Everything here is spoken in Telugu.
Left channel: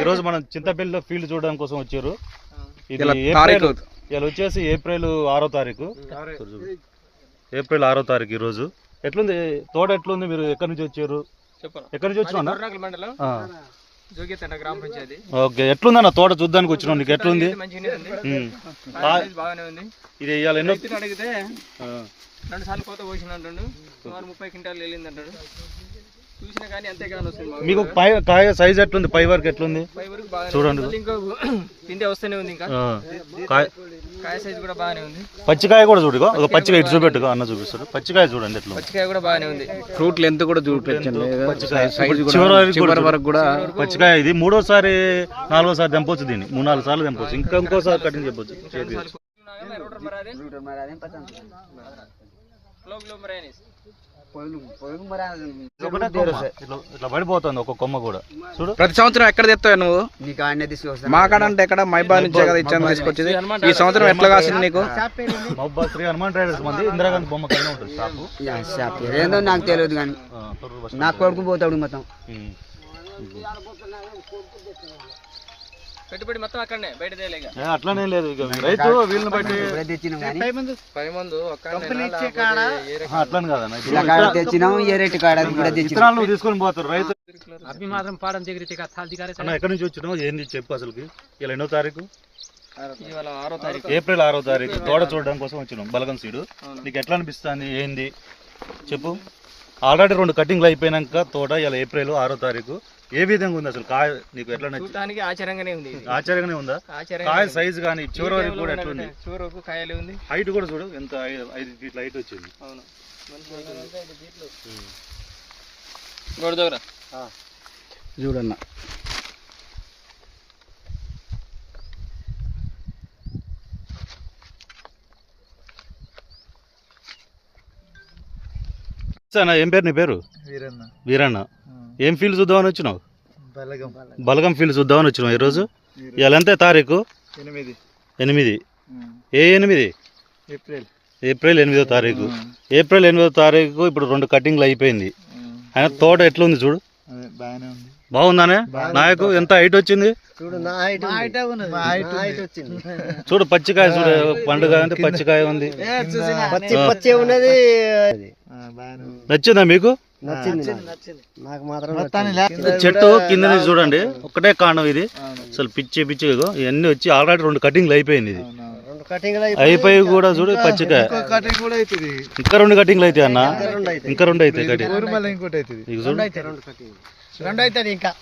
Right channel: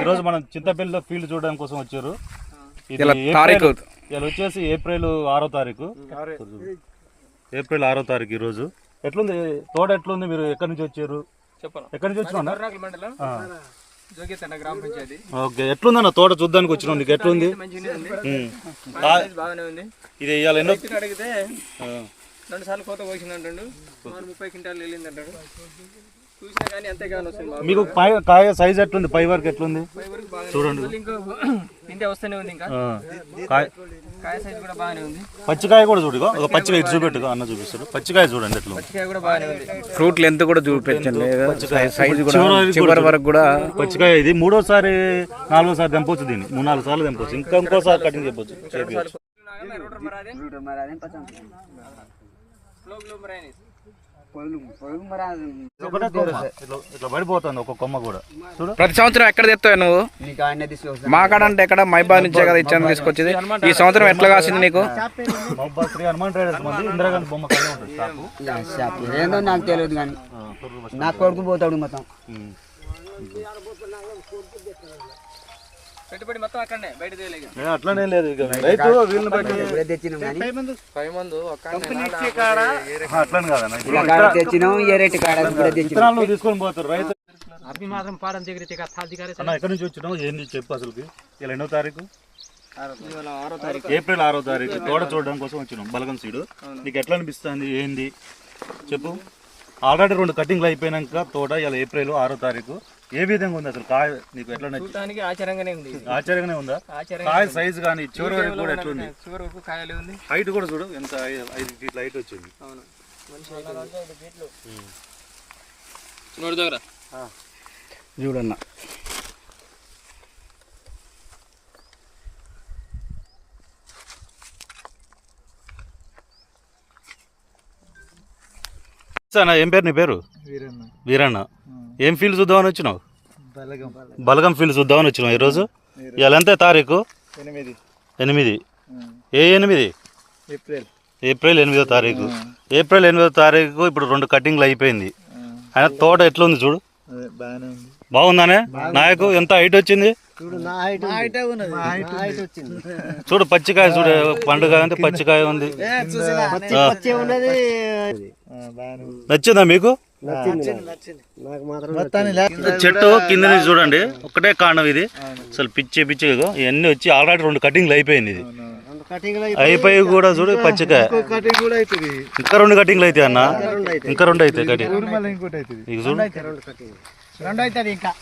ఈరోజు మనం చింతపల్లిలో ఫీల్డ్ చూడడం కోసం వచ్చారు. ఇలా వచ్చేసి ఏప్రిల్ 6వ తారీఖు. ఏప్రిల్ 6వ తారీఖు ఈరోజు. ఎట్లుంది తోట, ఎట్లుంది? మీరు ఎక్కడి నుంచి వచ్చారు? ఎక్కడి నుంచి వచ్చినా? ఓకే, ఎట్లుందన్న తోట చూడ్డానికి వచ్చినాం. నీకు ఎట్లుంది? ఇది ఇవాళ ఎన్నో అడిగితే 2 సార్లు కోత పోసిందంటాడు, 30 క్వింటాలు వెళ్ళిందంటాడు. చూసినా కానీ అంతేగాని వస్తుంది. మీకు కాయ సైజ్ ఎట్లుంది? పై వరకు ఎట్లుంది చూడండి. ఇంకా తింటే వస్తూనే ఉంది. ఇంకా కాయ సైజ్ కూడా బాగానే ఉంది. పచ్చికాయ కూడా చూడు, పచ్చికాయ ఇటు చూపెట్టుగా అన్న చూపిస్తాడు. పచ్చికాయ చూడండి ఎట్లా. పచ్చికాయ కూడా బాగానే ఉంది. ఫ్రూట్ లెంత్ కూడా చూపించండి, సైజ్ కూడా చివరి వరకు కూడా. పచ్చికాయ ఇది 3వసారి 4వసారి తెంపొచ్చు. దీన్ని 3-4 సార్లు తెంపొచ్చు. ఇంకోసారి కటింగ్ చెప్పొచ్చు. ఇట్లా పడిపోతుంది ఒక కొమ్మ కూడా. చూడు, ప్రతి సంవత్సరం ఎక్కడ తెస్తావు నువ్వు? మా కాడ అంటే ఎక్కడ మైబాద్ నుంచే కదా ఇచ్చాను తీసుకొచ్చేది. ఈ సంవత్సరం ఎట్లా కాసింది నీకు? శ్రీ హనుమాన్ ట్రేడర్స్ మంది ఇందిరాగాంధీ బొమ్మ కలిగి ఉంటుంది. ఏందో నాకు తెలియదు కానీ నా కొడుకు పోతాడు మొత్తం. పెట్టుబడి మొత్తం అక్కడనే, బయట అట్లానే లేదు. రైతు వీళ్ళని బట్టి తెచ్చినాం కానీ అట్లని కాదన్న. తెచ్చినాం ఏ రేటు కాడ విత్తనాలు తీసుకొని పోతారు రైతు. అన్న ఎక్కడి నుంచి వచ్చినావు? ఏంది చెప్పు అసలుకి. ఇలా ఎన్నో తారీఖు? ఏప్రిల్ 6వ తారీఖు. తోట చూడడం కోసం వచ్చినాం. బలగం సీడు. నీకు ఎట్లా అనిపిస్తుంది? ఏంది చెప్పు. ఆల్రెడీ 2 కటింగ్లు అయిపోయినాక తోట ఇలా ఏప్రిల్ 6వ తారీఖు. ఏ విధంగా ఉంది అసలు కాయ? నీకు ఎట్లా నచ్చింది? ఆశ్చర్యంగానే ఉంది. ఆశ్చర్యంగానే ఉందా? కాయ సైజ్ కానీ చివరి వరకు కూడా ఎట్లుంది? చివరి వరకు కాయలే ఉంది. హైట్ కూడా చూడు ఎంత, 5 ఫీట్ల హైట్ వచ్చింది. అవును, చూడన్న. ఏం పేరు నీ పేరు? వీరన్న. ఏం ఫీల్డ్ చూద్దామని వచ్చినావు? బలగం ఫీల్డ్ చూద్దామని వచ్చినావు ఈరోజు. ఇవాళ ఎంత తారీఖు? 8. ఏ 8? ఏప్రిల్ 8వ తారీఖు. ఏప్రిల్ 8వ తారీఖు. ఇప్పుడు 2 కటింగ్లు అయిపోయింది. ఆయన తోట ఎట్లుంది చూడు. బాగుందానే నాయకు? ఎంత హైట్ వచ్చింది చూడు. పచ్చికాయ చూడు, పండుగ అంటే పచ్చికాయ ఉంది. నచ్చిందా మీకు? చెట్టు కింద నుంచి చూడండి, ఒక్కటే కాండం ఇది. అసలు పిచ్చి ఇవన్నీ వచ్చి ఆల్రెడీ 2 కటింగ్లు అయిపోయింది. ఇది అయిపోయి కూడా చూడు పచ్చికాయ. ఇంకా 2 కటింగ్లు అయితే అన్న, ఇంకా 2 అవుతాయి కటింగ్. చూడు, 2 అవుతుంది ఇంకా.